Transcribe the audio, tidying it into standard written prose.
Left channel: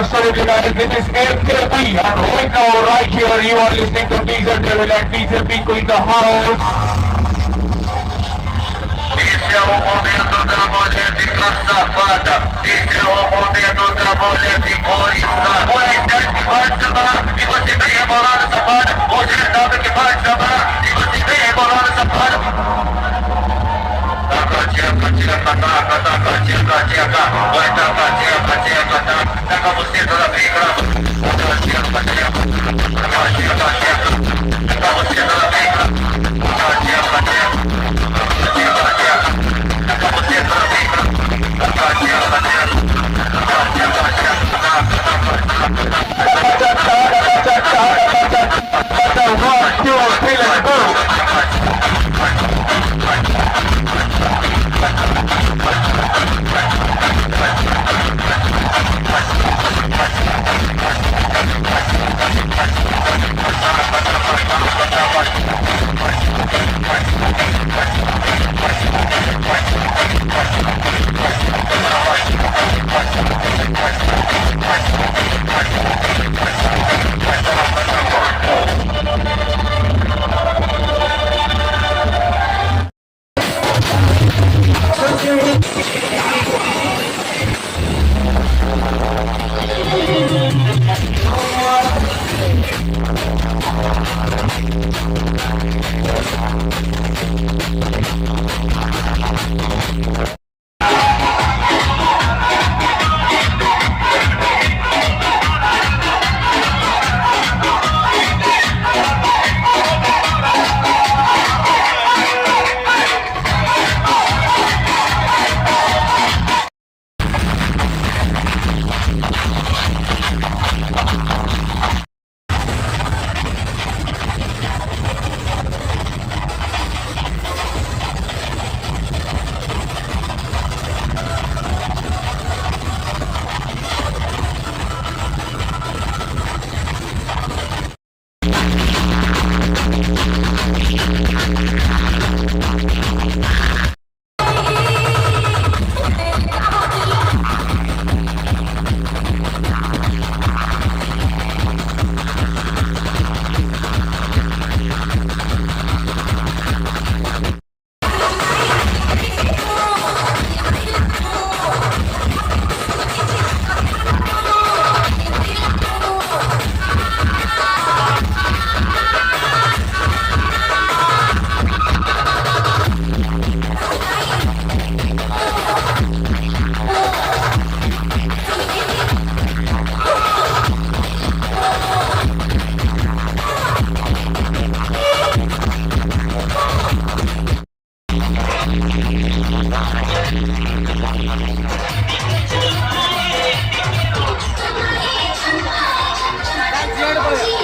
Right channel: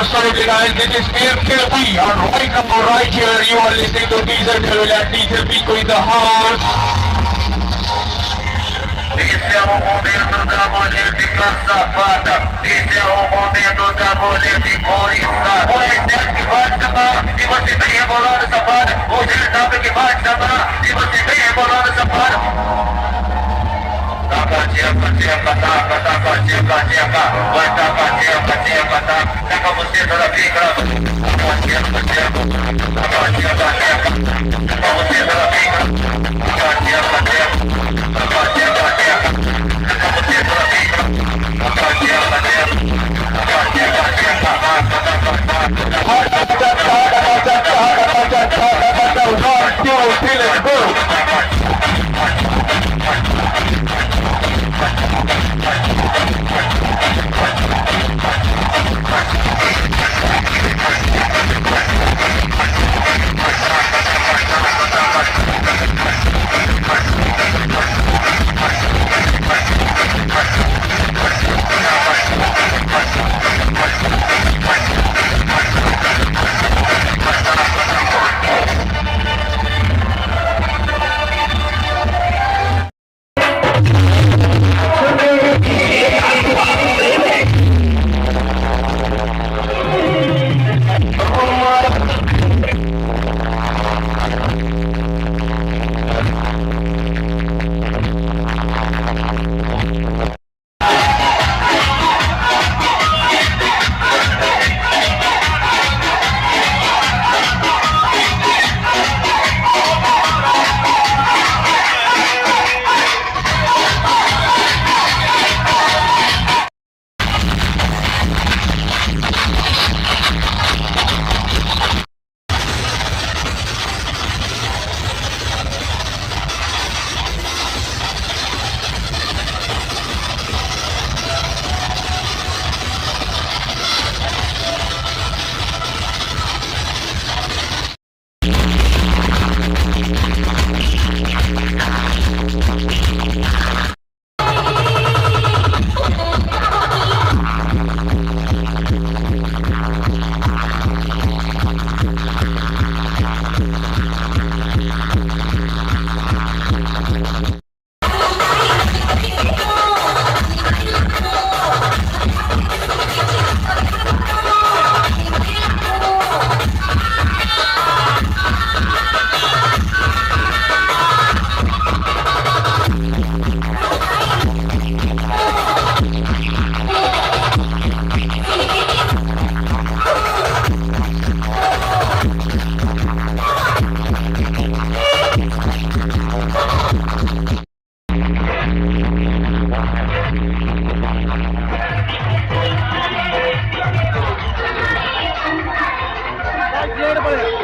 Absolutely guys, this is KLP and right now, right here, you are listening to Diesel Travel at Diesel Pico in the house. Esse é o momento da mulher ficar safada. Esse é o momento da mulher ficar instada. O internet vai chamar e você vem rebolando safada. Você sabe que vai chamar e você vem rebolando safada. Taca, tcheca, tcheca, taca, taca, tcheca, tcheca. Vai taca, tcheca, tcheca, taca. Taca você toda pica. Taca, tcheca, tcheca. Taca, tcheca, tcheca. Taca você toda pica. Taca, tcheca, tcheca. Taca, tcheca, tcheca. Taca você toda pica. Taca, tcheca, tcheca. Taca, tcheca, tcheca. One, two, three, let's go. Hadi